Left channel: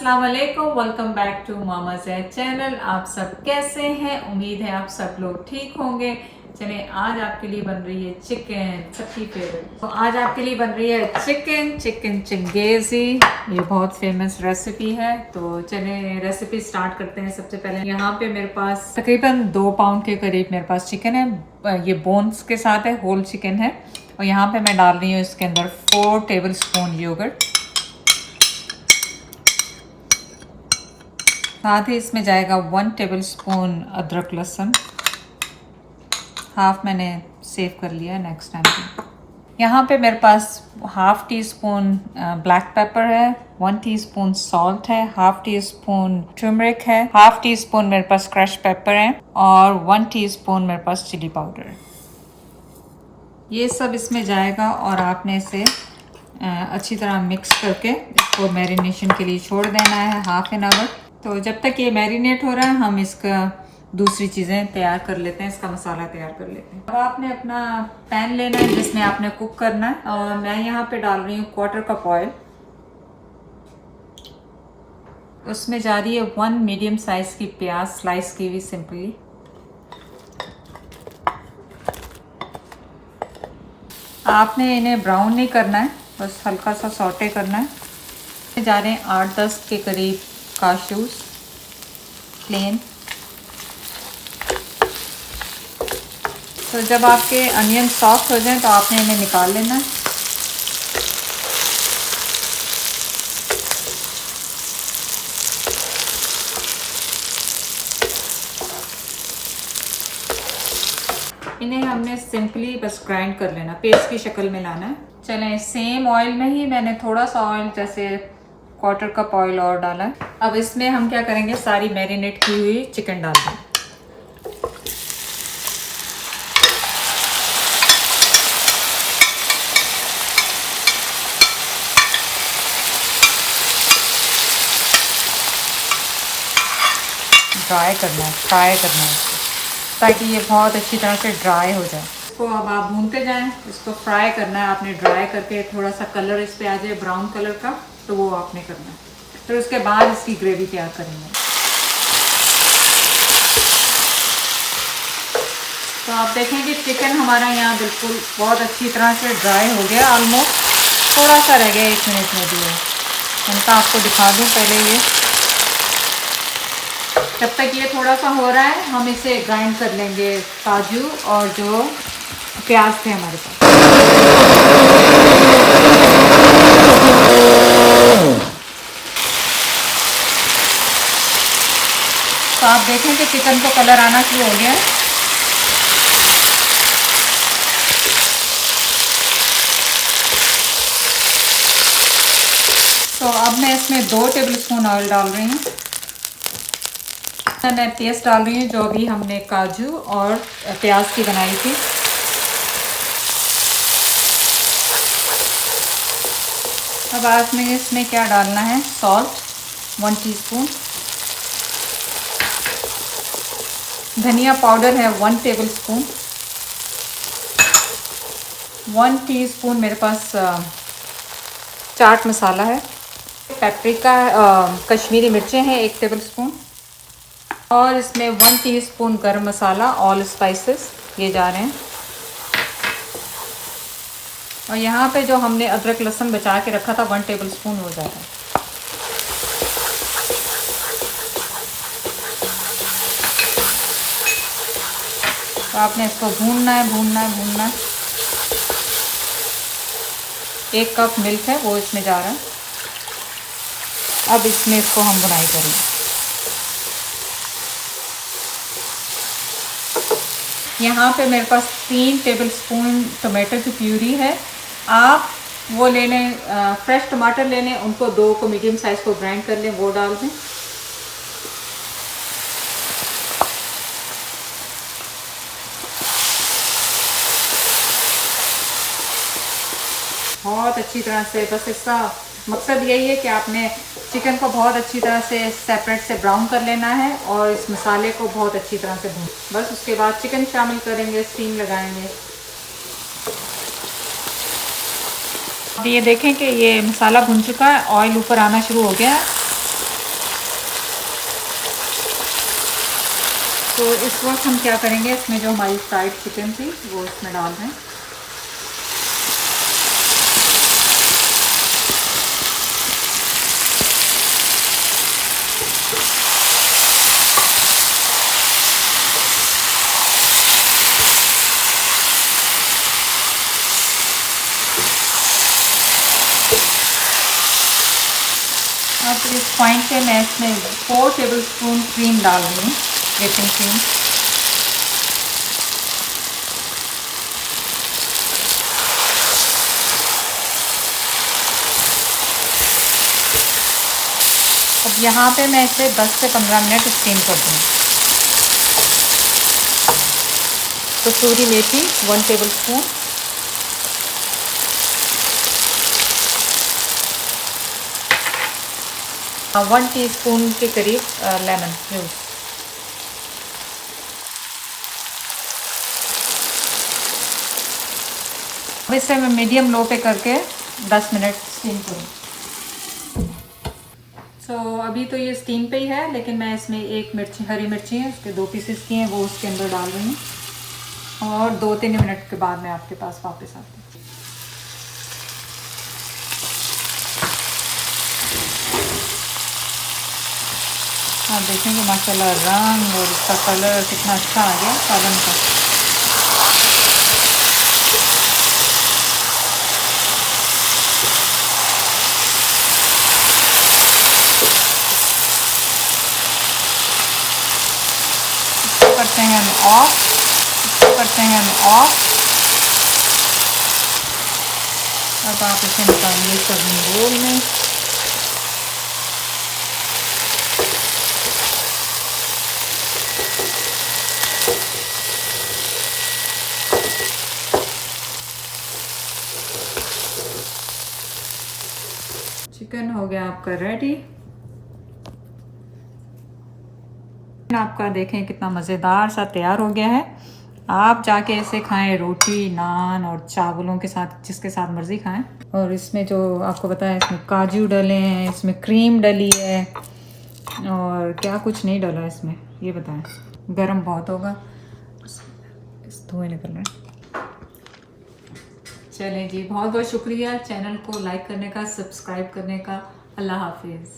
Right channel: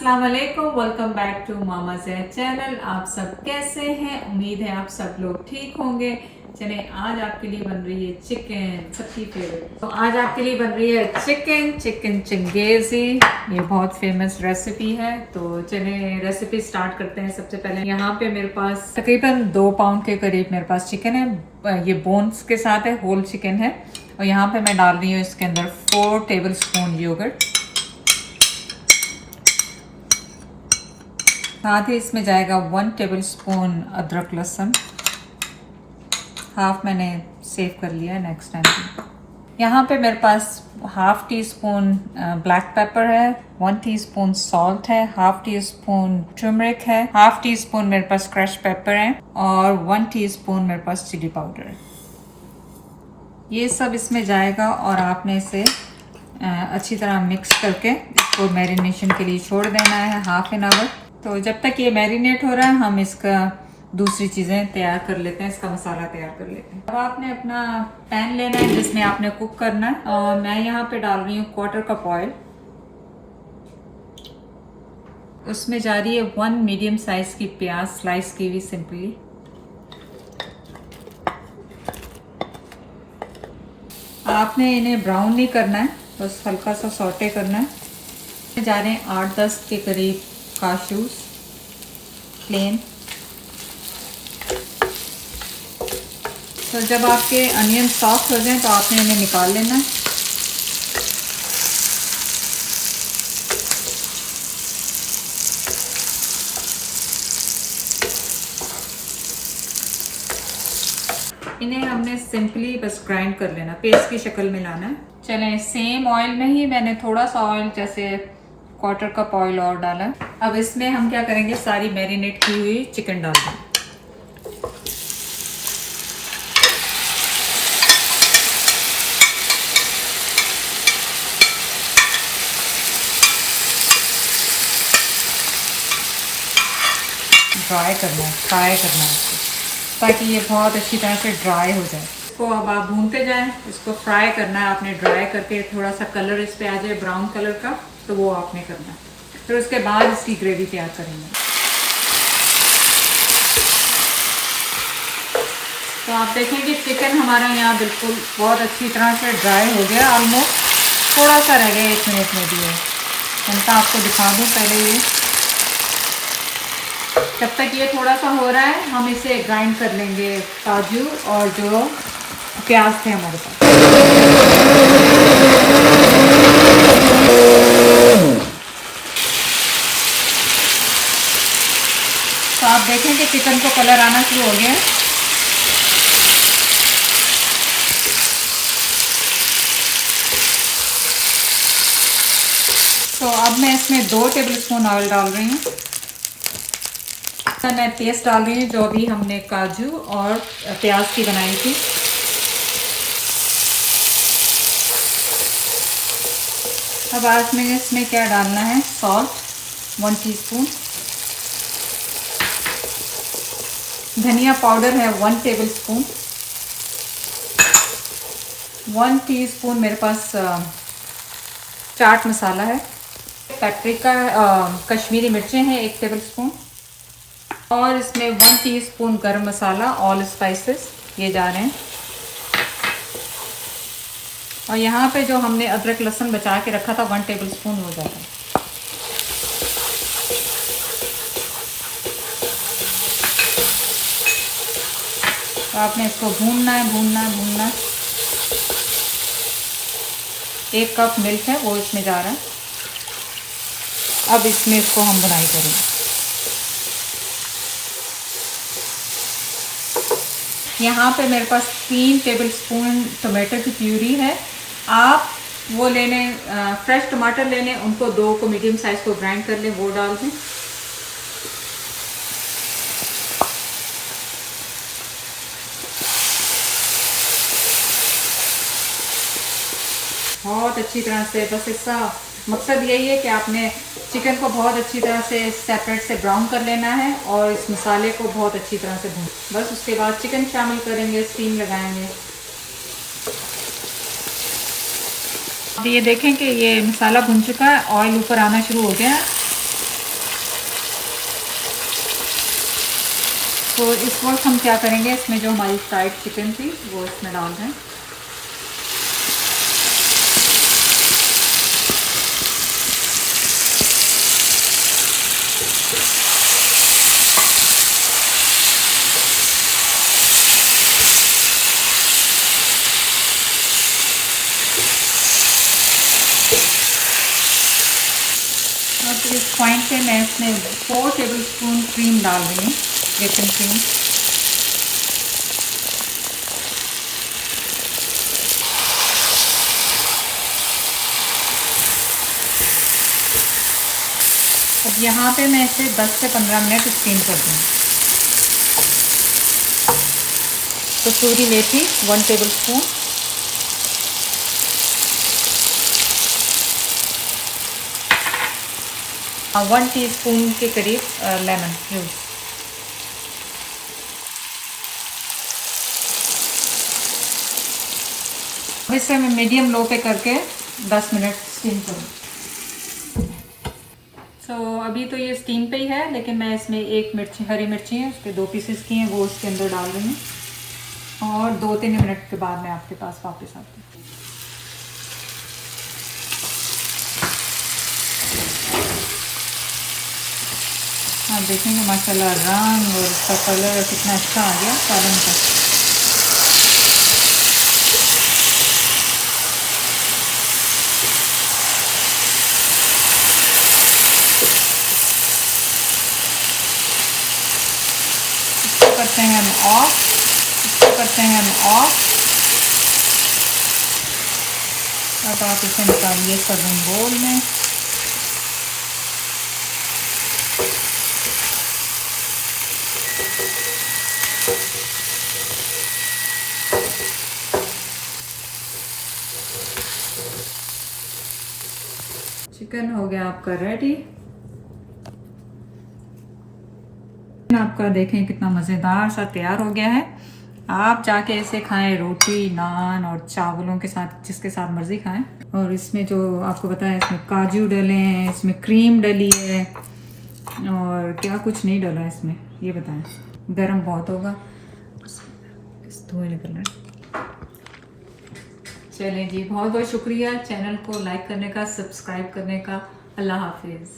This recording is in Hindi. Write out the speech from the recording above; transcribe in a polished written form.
अस्सलाम वालेकुम, welcome back to Mama Zaid channel. आप सब कैसे हैं? उम्मीद है आप सब लोग ठीक होंगे। चले आज आपके लिए बन रही है चिकन, सबकी फेवरेट। तो आज आपके लिए बन रही है चिकन चिंगेजी। ये बहुत फेमस रेसिपी है। तो चले रेसिपी स्टार्ट करते हैं। सबसे पहले यहाँ पे मेरे पास तकरीबन 2 पाउंड के करीब मेरे पास चिकन है। ये बोन्स के साथ है, होल चिकन है। और यहाँ पे मैं डाल रही हूँ इसके अंदर 4 टेबल स्पून योगर्ट। साथ ही इसमें जाएगा 1 टेबल स्पून अदरक लहसुन, हाफ मैंने सेव कर लिया नेक्स्ट टाइम। यहाँ पे मेरे पास half teaspoon black pepper है, 1 टीस्पून सॉल्ट है, हाफ टी स्पून टर्मरिक है, हाफ टी स्पून मेरे पास क्रश पेपर है और 1 टीस्पून मेरे पास चिली पाउडर है। ये सब इसमें जाएगा और आपने इसे अच्छी तरह मिक्स करके इसको मैरिनेशन के लिए छोड़ देना है हाफ एन आवर। तो जब तक ये मैरिनेट हो रहा है हम इसका दूसरी चीज़ें तैयार कर लेते हैं, इसका मसाला तैयार कर लेते हैं। अब आपने अपना पैन लेना है जिसमें आपने कुक करना है और मैं यहाँ पे डाल रही हूँ 1/4 कप ऑयल। उसमें जा रही है 1 मीडियम साइज की प्याज स्लाइस की हुई सिंपली। आपने इन्हें ब्राउन नहीं करना है, बस हल्का सा सौटे करना है। जा रहे हैं 8-10 के करीब काशूस प्लेन। तो जब आपके अनियन सॉफ्ट हो जाएं तो आपने इन्हें निकाल लेना है। इन्हें हमने सिंपली बस ग्राइंड कर लेना, पेस्ट की शक्ल में लाना है। चलें, सेम ऑयल में ही मैंने थोड़ा सा ऑयल जैसे 1/4 कप ऑयल और डाला है। अब इसमें हम क्या करेंगे, सारी मैरिनेट की हुई चिकन डाल दें। ड्राई करना है, फ्राई करना है इसको, ताकि ये बहुत अच्छी तरह से ड्राई हो जाए। इसको अब आप भूनते जाएं, इसको फ्राई करना है आपने। ड्राई करके थोड़ा सा कलर इस पे आ जाए ब्राउन कलर का, तो वो आपने करना है। फिर उसके बाद इसकी ग्रेवी तैयार करेंगे। तो आप देखें कि चिकन हमारा यहाँ बिल्कुल बहुत अच्छी तरह से ड्राई हो गया, ऑलमोस्ट। थोड़ा सा रह गया 1 मिनट में भी है। उनका आपको दिखा दूँ पहले ये। जब तक ये थोड़ा सा हो रहा है हम इसे ग्राइंड कर लेंगे, काजू और जो प्याज थे हमारे पास। तो आप देखें कि चिकन को कलर आना शुरू हो गया है। तो अब मैं इसमें 2 टेबल स्पून ऑयल डाल रही हूँ। मैं पेस्ट डाल रही हूँ जो अभी हमने काजू और प्याज की बनाई थी। अब आज में इसमें क्या डालना है, सॉल्ट 1 टीस्पून, धनिया पाउडर है 1 टेबल स्पून, 1 टीस्पून मेरे पास चाट मसाला है, पेपरिका कश्मीरी मिर्चें हैं 1 टेबल स्पून, और इसमें 1 टीस्पून गरम मसाला, ऑल स्पाइसेस ये जा रहे हैं। और यहाँ पे जो हमने अदरक लहसुन बचा के रखा था 1 टेबल स्पून हो जाएगा। तो आपने इसको भूनना है, भूनना है, भूनना है। 1 कप मिल्क है वो इसमें जा रहा है। अब इसमें इसको हम बुनाई करेंगे। यहाँ पे मेरे पास 3 टेबल स्पून टमाटो की प्यूरी है। आप वो ले लें, फ्रेश टमाटर ले लें, उनको 2 को मीडियम साइज़ को ग्राइंड कर लें, वो डाल दें। बहुत अच्छी तरह से, बस इसका मकसद यही है कि आपने चिकन को बहुत अच्छी तरह से सेपरेट से ब्राउन कर लेना है और इस मसाले को बहुत अच्छी तरह से भून। बस उसके बाद चिकन शामिल करेंगे, स्टीम लगाएंगे। अब ये देखें कि ये मसाला भुन चुका है, ऑयल ऊपर आना शुरू हो गया। तो इस वक्त हम क्या करेंगे, इसमें जो हमारी फ्राइड चिकन थी वो इसमें डाल दें। अब इस पॉइंट पे मैं इसमें 4 टेबलस्पून क्रीम डाल रही हूँ, व्हिपिंग क्रीम। अब यहाँ पे मैं इसे 10 से 15 मिनट स्टीम कर दूँगी। कसूरी मेथी 1 टेबलस्पून, और 1 टीस्पून के करीब लेमन जूस। अब इसे मैं मीडियम लो पे करके 10 मिनट स्टीम करूँ। तो अभी तो ये स्टीम पे ही है, लेकिन मैं इसमें एक मिर्ची, हरी मिर्ची है, उसके 2 पीसेस की हैं, वो उसके अंदर डाल रही हूँ। और 2-3 मिनट के बाद मैं आपके पास वापस आती हूँ। आप देखेंगे माशाल्लाह रंग और उसका कलर कितना अच्छा आ गया सालन का। इसको करते हैं हम ऑफ, इसको करते हैं हम ऑफ। अब आप इसे निकालिए सर्विंग बोल में। चिकन हो गया आपका रेडी। आपका देखें कितना मज़ेदार सा तैयार हो गया है। आप जाके इसे खाएं रोटी, नान और चावलों के साथ, जिसके साथ मर्ज़ी खाएं। और इसमें जो आपको बताया, इसमें काजू डले हैं, इसमें क्रीम डली है, और क्या कुछ नहीं डला इसमें, ये बताएं। गरम बहुत होगा, इस धुएं निकल रहा है। चलें जी, बहुत बहुत शुक्रिया चैनल को लाइक करने का, सब्सक्राइब करने का। अल्लाह हाफिज़।